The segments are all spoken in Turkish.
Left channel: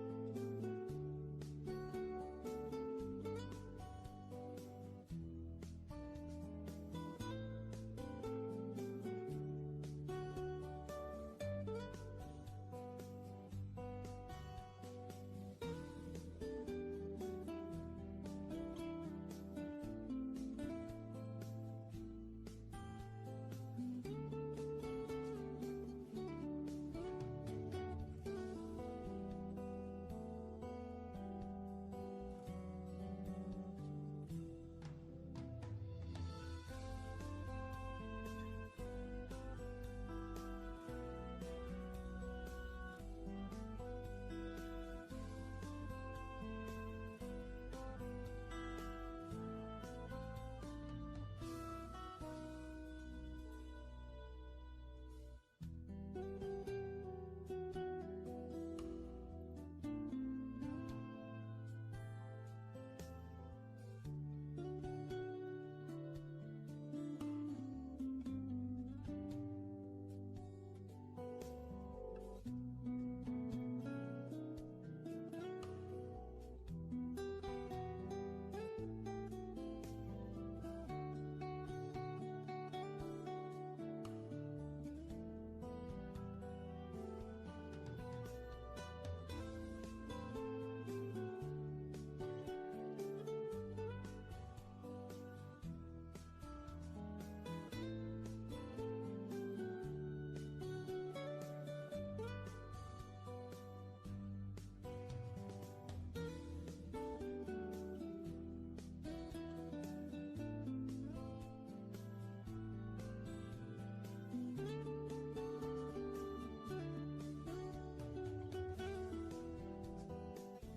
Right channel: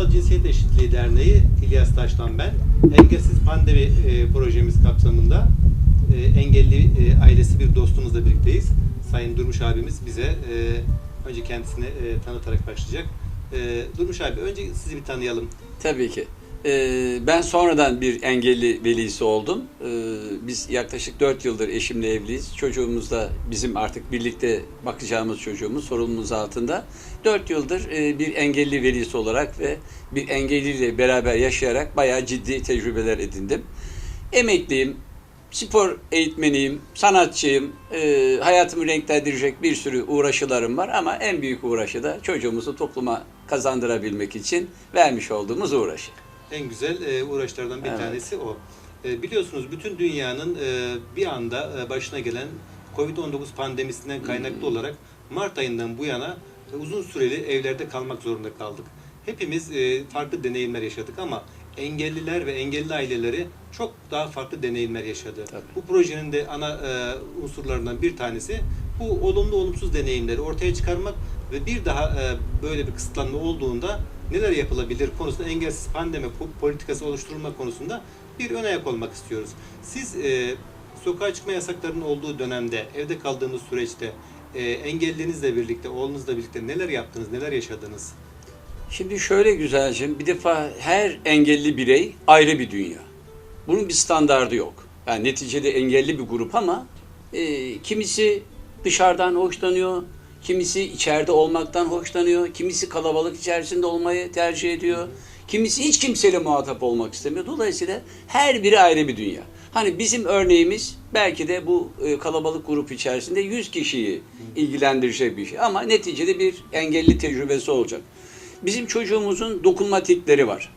Ulusal Cinsiyet Eşitliği Derneği İlyas Taş'tan ben. Engelsiz Pandemi e, projemiz kapsamında e, engelli e, ailesi bir dostumuzla birlikteyiz. Sayın Durmuş abimiz bize e, önce kendisini e, tanıtarak başlayacak. E, Durmuş abi önce sizi bir tanıyalım. Tabii ki. Ee, ben sonradan bir engelli velisi oldum. Ee, biz yaklaşık 4 yıldır eşimle evliyiz. Çocuğumuz da bizim artık birlikte bakacağımız çocuğumuz sorumluluğumuz altında. 4 yıldır e, bir engelli velisi olarak ve bir engelliyle beraber yaşayarak bayağı ciddi tecrübeler edindim. Emekliyim, spor eğitmeniyim, sanatçıyım, e, hayatımı renklendirecek bir sürü uğraşılarım var ama en büyük uğraşı da çocuğumuzu topluma kazandırabilmek için vermiş olduğumuz uğraşı. En güzel e, uğraşlardan bir Evet. tanesi o. E, biliyorsunuz bütün dünyanın e, bir anda e, başına gelen Covid-19 pandemisinden kaynaklı olarak Mart ayından bu yana e, uzun süreli evlerde kalmak zorunda kaldık. Hepimiz e, farklı deneyimler yaşadık ama engelliler ve engelli aileleri çok daha farklı deneyimler yaşadı. Tabii. Bu projenin de ana e, unsurlarından bir tanesi bu olumlu olumsuz deneyimleri ortaya çıkarmak ve bir daha e, böyle bir kısıtlanma olduğunda neler yapılabilir konusunda engelsiz pandemi po- politikası oluşturulma konusunda bir ön ayak olmak istiyoruz. Siz e, sokağa çıkma yasaklarının olduğu dönemde, evde kaldığınız süreçte e, engellinizle birlikte, oğlunuzla birlikte neler yaptınız, neler yaşadınız? Şimdi şöyle güzelcim, bir defa her engelli birey ayrı bir dünya. Bunun bir standardı yok. Yani neticede engelli bir grup ama e, kimisi dışarıdan hoşlanıyor, kimisi içeride olmaktan hoşlanıyor, kimisi kalabalık içerisinde olmayı tercih ediyor, kimisi hiç kimseyle muhatap olmak istemiyor. Dolayısıyla her biri ayrı bir dünya. Hani bizim örneğimiz belki de bu e, kalabalık grup içerisinde 100 kişiyi ilgilendirecek bir şey ama neticede bir engelli tecrübesi olacak. Bizim çocuğumuzun dokunmatikleri var.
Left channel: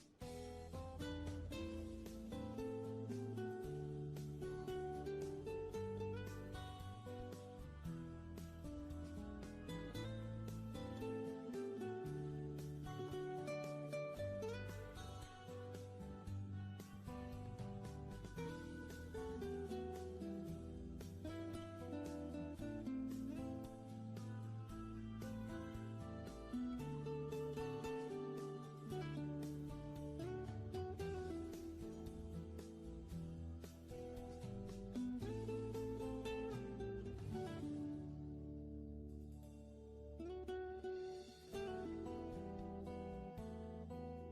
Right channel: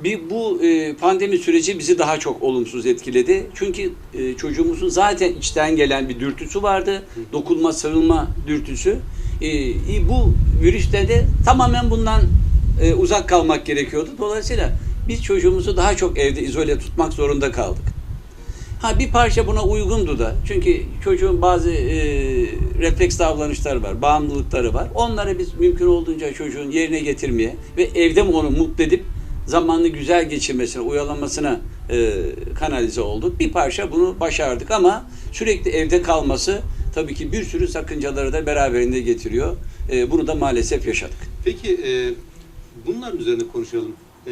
Bir bu e, pandemi süreci bizi daha çok olumsuz etkiledi. Çünkü e, çocuğumuzun zaten içten gelen bir dürtüsü vardı. Dokunma, sarılma dürtüsü. E, e, bu virüste de tamamen bundan e, uzak kalmak gerekiyordu. Dolayısıyla biz çocuğumuzu daha çok evde izole tutmak zorunda kaldık. Ha bir parça buna uygundu da. Çünkü çocuğun bazı e, refleks davranışları var, bağımlılıkları var. Onları biz mümkün olduğunca çocuğun yerine getirmeye ve evde mi onu mutlu edip zamanını güzel geçirmesine, uyalamasına e, kanalize olduk. Bir parça bunu başardık ama sürekli evde kalması tabii ki bir sürü sakıncaları da beraberinde getiriyor. E, bunu da maalesef yaşadık. Peki e, bunların üzerine konuşalım. E,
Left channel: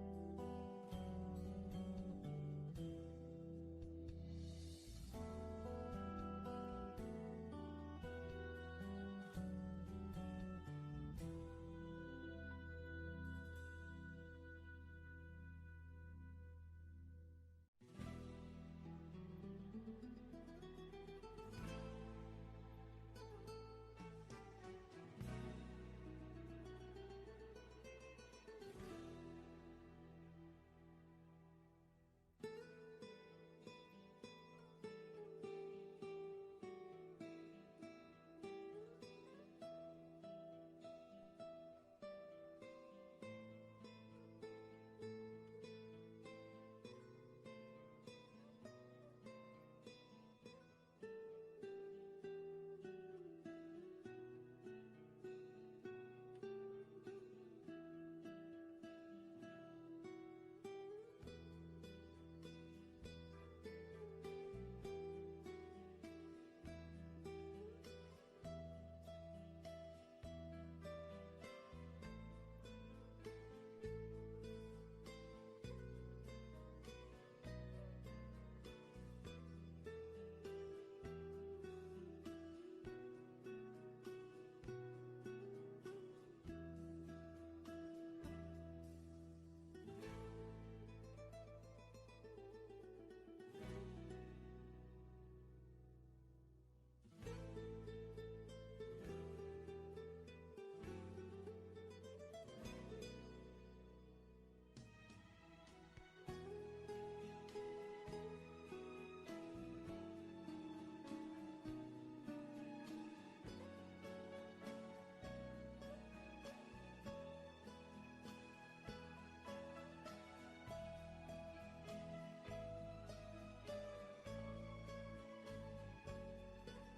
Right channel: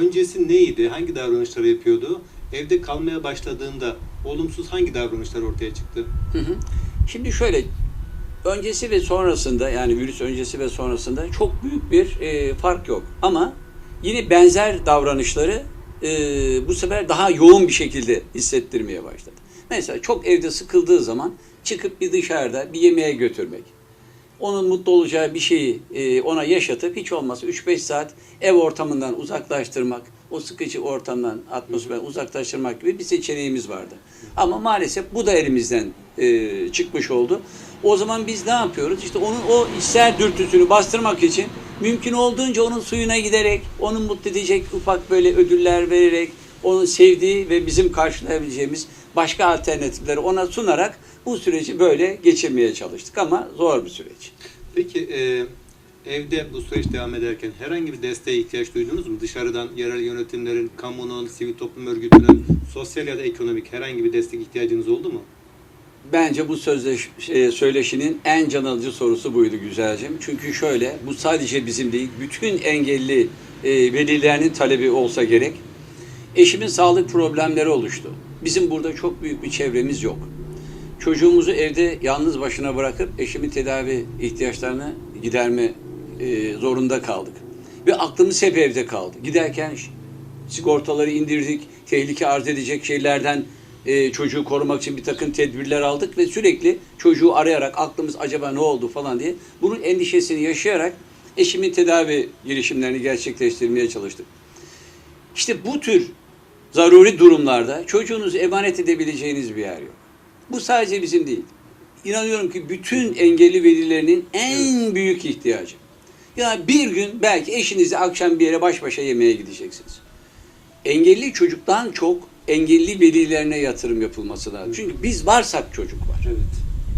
öncesi neydi? Hangi davranışları yapıyordu? Evde kalmaya başladığında olumsuz hangi davranışlar ortaya çıktı? Hı hı. Şimdi şöyle öncesi ve sonrasında yani virüs öncesi ve sonrasında çok büyük bir e, fark yok. Ama yine benzer davranışları e, bu sefer daha yoğun bir şekilde hissettirmeye başladı. Mesela çok evde sıkıldığı zaman çıkıp bir dışarıda bir yemeğe götürmek. Onun mutlu olacağı bir şeyi e, ona yaşatıp hiç olmazsa 3-5 saat ev ortamından uzaklaştırmak, o sıkıcı ortamdan, atmosferden uzaklaştırmak gibi bir seçeneğimiz vardı. Ama maalesef bu da elimizden e, çıkmış oldu. O zaman biz ne yapıyoruz? İşte onun o içsel dürtüsünü bastırmak için mümkün olduğunca onun suyuna giderek, onu mutlu edecek ufak böyle ödüller vererek, onun sevdiği ve bizim karşılayabileceğimiz başka alternatifleri ona sunarak bu süreci böyle geçirmeye çalıştık ama zor bir süreç. Peki e, evde bu süreç devam ederken herhangi bir desteğe ihtiyaç duydunuz mu? Dışarıdan yerel yönetimlerin, kamunun, sivil toplum örgütünün, sosyal ya da ekonomik herhangi bir destek ihtiyacınız oldu mu? Bence bu sözleş, şey, söyleşinin en can alıcı sorusu buydu güzelcim. Çünkü şöyle, bu sadece bizim değil, bütün engelli e, velilerinin talebi olsa gerek. Eşimin sağlık problemleri oluştu. Bizim burada çok büyük bir çevremiz yok. Çocuğumuzu evde yalnız başına bırakıp eşimin tedavi ihtiyaçlarını giderme e, zorunda kaldık. Ve aklımız hep evde kaldı. Giderken sigortaları indirdik, tehlike arz edecek şeylerden e, çocuğu korumak için bir takım tedbirler aldık ve sürekli çocuğu arayarak aklımız acaba ne oldu falan diye bunun endişesini yaşayarak eşimin tedavi girişimlerini gerçekleştirmeye çalıştık. İşte bu tür zaruri durumlarda çocuğunuzu emanet edebileceğiniz bir yer yok. Bu sadece bizim değil. İnanıyorum ki bütün engelli velilerinin en büyük ihtiyacı. Ya bir gün belki eşinizle akşam bir yere baş başa yemeğe gideceksiniz. Engelli çocuktan çok engelli velilerine yatırım yapılması lazım. Çünkü biz varsak çocuk var. Evet.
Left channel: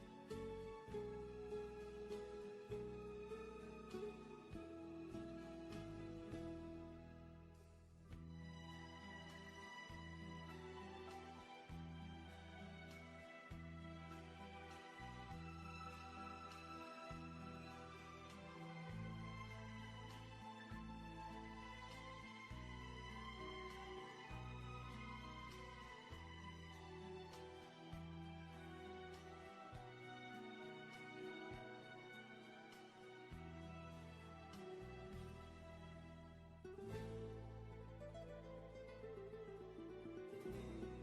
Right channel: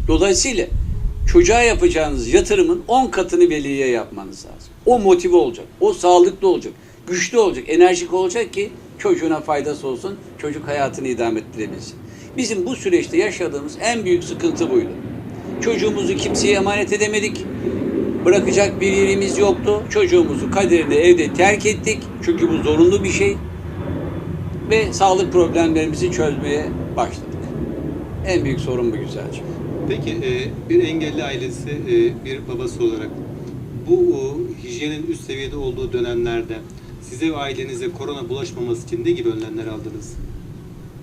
Dolayısıyla çocuğa yapacağınız yatırımın 10 katını veliye yapmanız lazım. O motive olacak, o sağlıklı olacak, güçlü olacak, enerjik olacak ki çocuğuna faydası olsun, çocuk hayatını idame ettirebilsin. Bizim bu süreçte yaşadığımız en büyük sıkıntı buydu. Çocuğumuzu kimseye emanet edemedik. Bırakacak bir yerimiz yoktu. Çocuğumuzu kaderine evde terk ettik. Çünkü bu zorunlu bir şey. Ve sağlık problemlerimizi çözmeye başladık. En büyük sorun bu güzelce. Peki e, bir engelli ailesi, e, bir babası olarak bu o, hijyenin üst seviyede olduğu dönemlerde size ve ailenize korona bulaşmaması için ne gibi önlemler aldınız?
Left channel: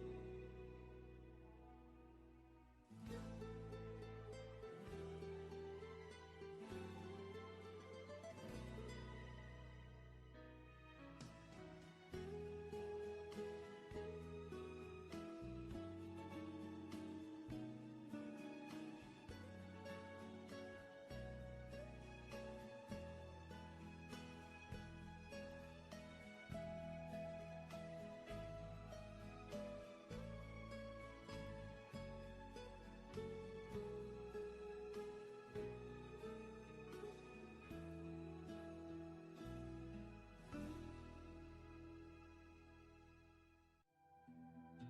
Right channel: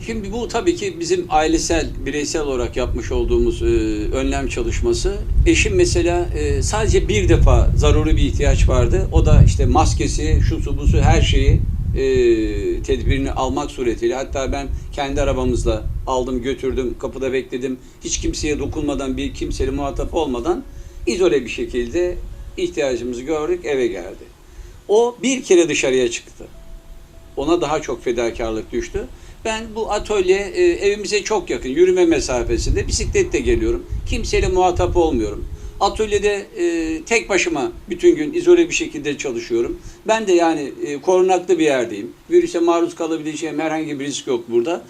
Şimdi bu tabii ki bizim ailesel, bireysel olarak yapmış olduğumuz e, önlem çalışması. Eşim mesela e, sadece bir defa zaruri bir ihtiyaç vardı. O da işte maskesi, şu su bu su her şeyi e, tedbirini almak suretiyle. Hatta ben kendi arabamızla aldım götürdüm, kapıda bekledim. Hiç kimseye dokunmadan, bir kimseyle muhatap olmadan izole bir şekilde ihtiyacımızı gördük, eve geldi. O bir kere dışarıya çıktı ona daha çok fedakarlık düştü. Ben bu atölye e, evimize çok yakın, yürüme mesafesinde bisikletle geliyorum. Kimseyle muhatap olmuyorum. Atölyede e, tek başıma bütün gün izole bir şekilde çalışıyorum. Ben de yani e, korunaklı bir yerdeyim. Virüse maruz kalabileceğim herhangi bir risk yok burada.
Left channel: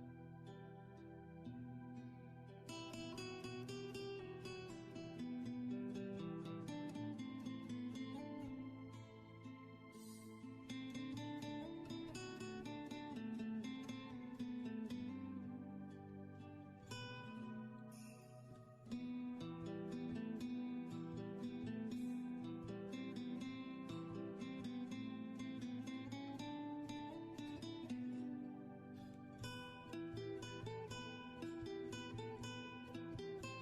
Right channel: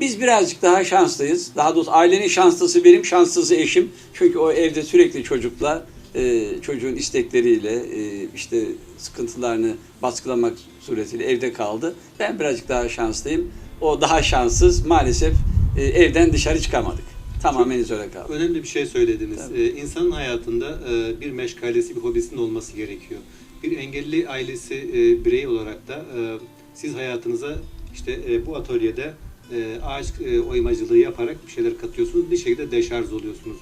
Biz birazcık daha şanslıyız. Daha doğrusu ailenin şanslısı benim, şanslısı eşim. Çünkü o evde sürekli çocukla, e, çocuğun istekleriyle, e, işte sıkıntılarını baskılamak suretiyle evde kaldı. Ben birazcık daha şanslıyım. O daha şanssız. Maalesef e, evden dışarı çıkamadık. Tamamen izole kaldık. Önemli bir şey söylediniz. Tabii. Ee, insanın hayatında e, bir meşgalesi, bir hobisinin olması gerekiyor. Bir engelli ailesi e, birey olarak da e, siz hayatınıza işte e, bu atölyede e, ağaç e, oymacılığı yaparak bir şeyler katıyorsunuz. Bir şekilde deşarj oluyorsunuz.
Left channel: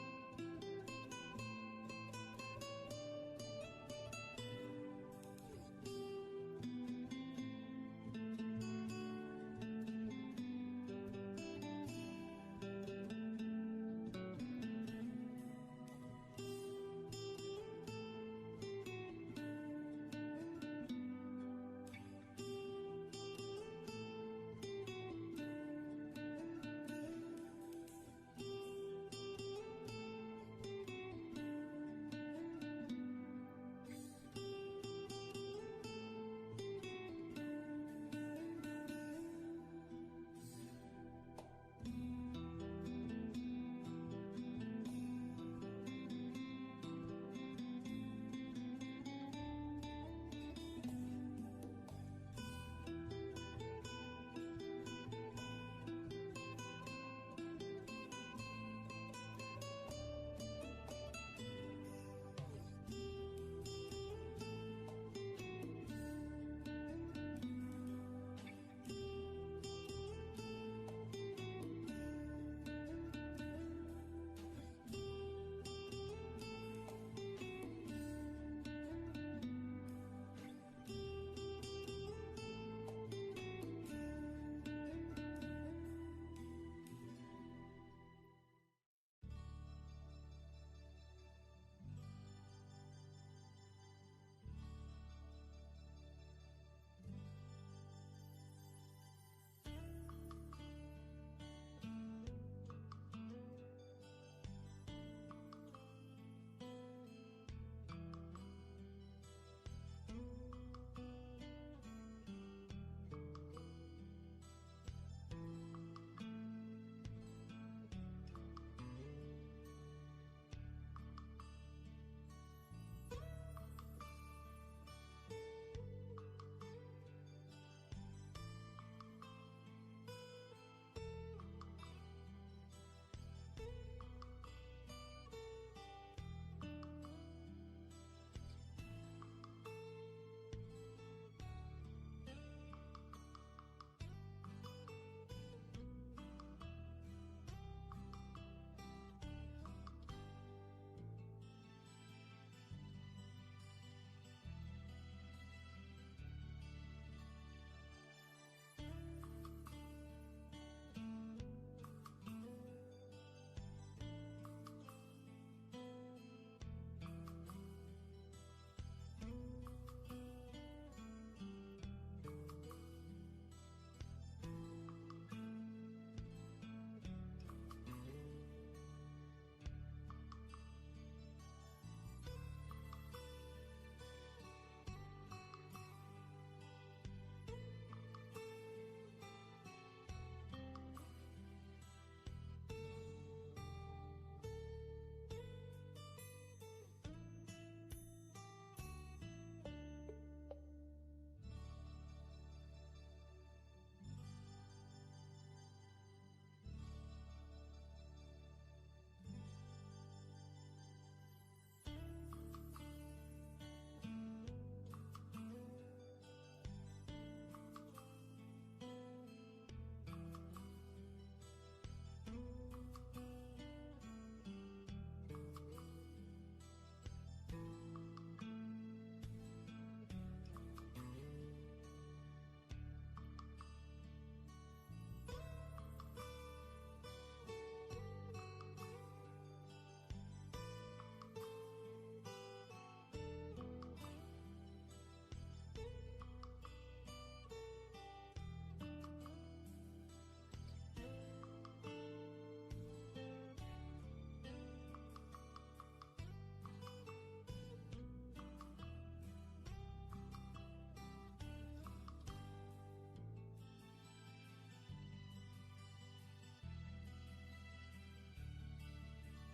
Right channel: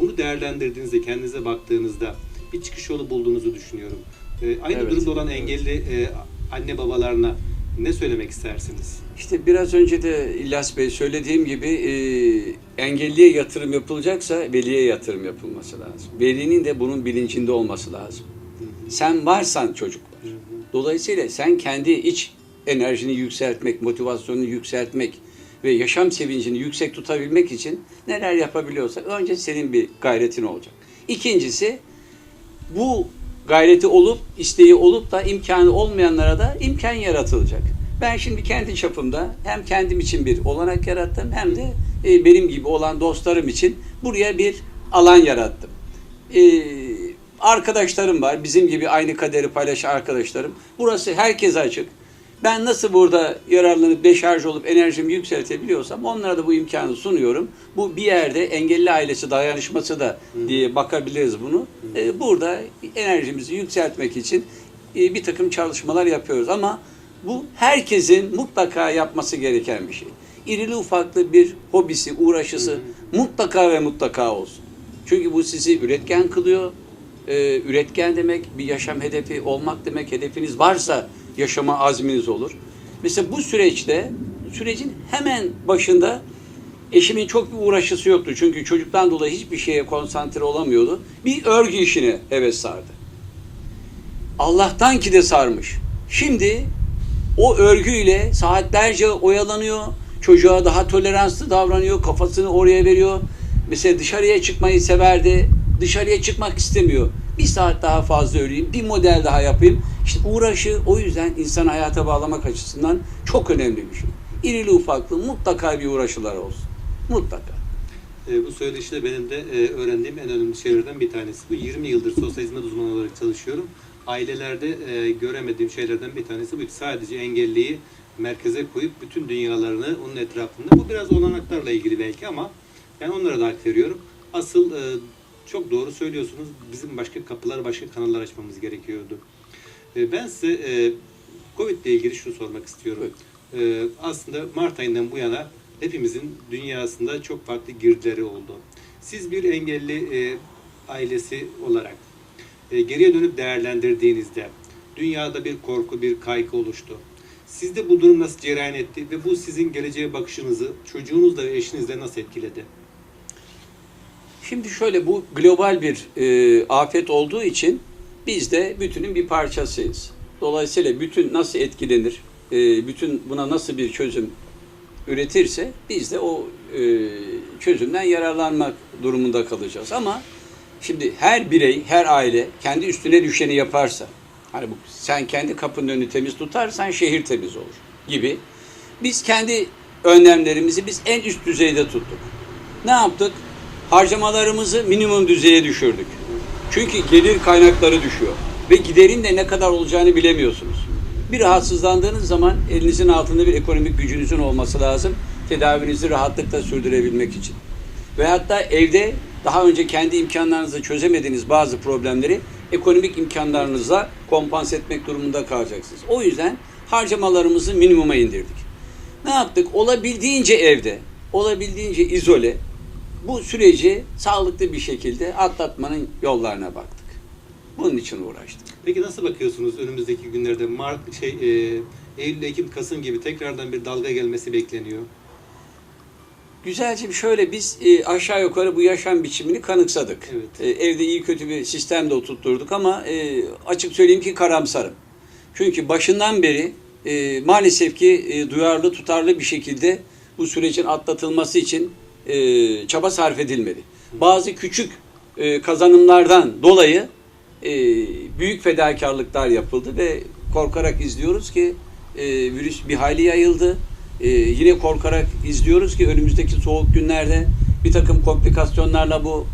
Bunu değerlendirdiğinizde, kendinize baktığınızda bir çıkış yolu bulduğunuzu düşünüyorum. E, aynı Evet. durumda olan engelli e, anne babalarına ne söylemek istersiniz? İşte biraz önce de İlyas Bey söylediğim gibi e, engelliye yatırım yapılacaksa veliye yatırım yapılması lazım. Velinin de bunun bilincinde olması lazım. Sen varsan çocuk var. Dolayısıyla sen kendi iç enerjini yükseltmek, motivasyonunu yükseltmek ve yaşam sevincini yüksek tutabilmek için neler yapabiliyorsak önce senin bir gayretin olacak. İkincisi bu gayreti olup, isteği olup da imkanı olmayanlara da imkan yaratılacak. Ben şimdi kendi çapımda hem kendim için bir olanak yarattım hem de e, benim gibi olan dostlarım için buraya bir alan yarattım. E, arkadaşlarım var, bizim gibi aynı kaderi paylaşan arkadaşlarım. Burası herkese açık. Ben nasıl burada yararlanıp deşarj olup enerjimi yükseltebiliyorsam onlara da bu imkanı sunuyorum. Bu bir yerde engelli ailesi dayanışması da diye bakabiliriz bunu. Ee, burada enerjimizi yükseltmek için e, bir takım çalışmalar yapıyoruz ama bu herkesin mutlaka yapması gereken bir şey. İrili ufaklı bir hobisi, uğraşısı mutlaka ve mutlaka olsun. Çünkü bu sizi üretken kılıyor. Ee, üretken demek bir yaşam hedefi olmak demek. Hedefiniz varsa yaşama azminiz olur. Mesela bu süreçte, sürecin hemen başında eşimin çok bir uğraşısı yoktu. Çünkü çocuktan dolayı hiçbir şeye konsantre olamıyordu. Bir örgü işine heves sardı. Allah'tan ki de sarmış. Şimdi o örgüyle saatlerce oyalanıyor. Çocuğa daha toleranslı davranıyor. Kafasını oraya veriyor. Mesela dışarıya çıkmayı severdi. Dışarıya çıkmak istemiyor. Bir saat daha fazla öreyim, bir model daha yapayım. İşte uğraşı o yüzden insan hayata bağlamak açısından çok önemli bir şey. İrili ufaklı mutlaka bir uğraşılar olsun. Mutlaka. E, bu söyleşide benim de e, öğrendiğim en önemli şeylerden bir tanesi. Bu 20 yıldır sosyal hizmet uzmanı olarak çalışıyorum. Ailelerde e, göremediğim şeylerden bir tanesi bu. Sadece engelliyi merkeze koyup bütün dünyalarını onun etrafında. Bu biraz olanaklarla ilgili belki ama ben onlara da hak veriyorum. Asıl e, çok doğru söylüyorsunuz. Bizim başka kapılar, başka kanallar açmamız gerekiyordu. E, ben size e, Covid ile ilgili şunu sormak istiyorum. E, aslında Mart ayından bu yana hepimizin dünyasında çok farklı girdileri oldu. Siz bir engelli e, ailesi olarak e, geriye dönüp değerlendirdiğinizde dünyada bir korku, bir kaygı oluştu. Sizde bu durum nasıl cereyan etti ve bu sizin geleceğe bakışınızı çocuğunuzla ve eşinizle nasıl etkiledi? Şimdi şöyle bu global bir e, afet olduğu için biz de bütünün bir parçasıyız. Dolayısıyla bütün nasıl etkilenir, e, bütün buna nasıl bir çözüm üretirse biz de o e, çözümden yararlanmak durumunda kalacağız. Ama Şimdi her birey, her aile kendi üstüne düşeni yaparsa, hani bu sen kendi kapının önünü temiz tutarsan şehir temiz olur gibi. Biz kendi önlemlerimizi biz en üst düzeyde tuttuk. Ne yaptık? Harcamalarımızı minimum düzeye düşürdük. Çünkü gelir kaynakları düşüyor ve giderin de ne kadar olacağını bilemiyorsunuz. Bir rahatsızlandığınız zaman elinizin altında bir ekonomik gücünüzün olması lazım. Tedavinizi rahatlıkla sürdürebilmek için. Ve hatta evde daha önce kendi imkanlarınızla çözemediğiniz bazı problemleri ekonomik imkanlarınızla kompanse etmek durumunda kalacaksınız. O yüzden harcamalarımızı minimuma indirdik. Ne yaptık? Olabildiğince evde, olabildiğince izole bu süreci sağlıklı bir şekilde atlatmanın yollarına baktık. Bunun için uğraştık. Peki nasıl bakıyorsunuz önümüzdeki günlerde Mart şey e, Eylül, Ekim, Kasım gibi tekrardan bir dalga gelmesi bekleniyor. Güzelce şöyle biz e, aşağı yukarı bu yaşam biçimini kanıksadık. Evet. E, evde iyi kötü bir sistem de oturtturduk ama e, açık söyleyeyim ki karamsarım. Çünkü başından beri e, maalesef ki e, duyarlı tutarlı bir şekilde bu sürecin atlatılması için e, çaba sarf edilmedi. Bazı küçük e, kazanımlardan dolayı e, büyük fedakarlıklar yapıldı ve korkarak izliyoruz ki e, virüs bir hayli yayıldı. E, yine korkarak izliyoruz ki önümüzdeki soğuk günlerde bir takım komplikasyonlarla bu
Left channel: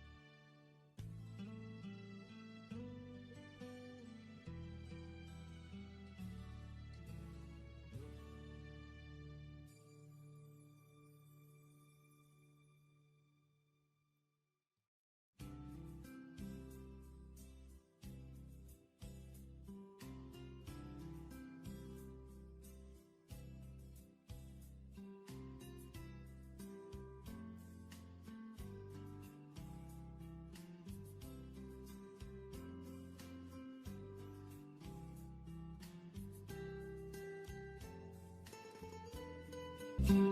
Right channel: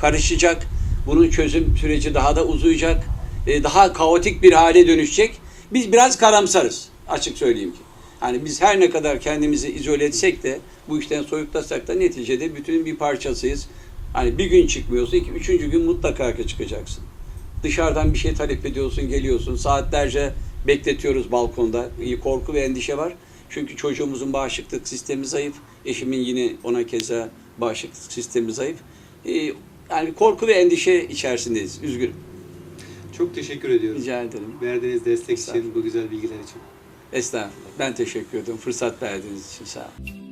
karışacak. Bunun çözüm süreci daha da uzayacak. E, daha kaotik bir hale dönüşecek. Biz biraz karamsarız açık söyleyeyim ki. Hani biz her ne kadar kendimizi izole etsek de bu işten soyutlasak da neticede bütün bir parçasıyız. Hani bir gün çıkmıyorsa iki, üçüncü gün mutlaka çıkacaksın. Dışarıdan bir şey talep ediyorsun, geliyorsun. Saatlerce bekletiyoruz balkonda. İyi korku ve endişe var. Çünkü çocuğumuzun bağışıklık sistemi zayıf. Eşimin yine ona keza bağışıklık sistemi zayıf. Ee, yani korku ve endişe içerisindeyiz. Üzgünüm. Çok teşekkür ediyorum. Rica ederim. Verdiğiniz destek için, bu güzel bilgiler için. Estağfurullah. Ben teşekkür ederim. Fırsat verdiğiniz için sağ olun.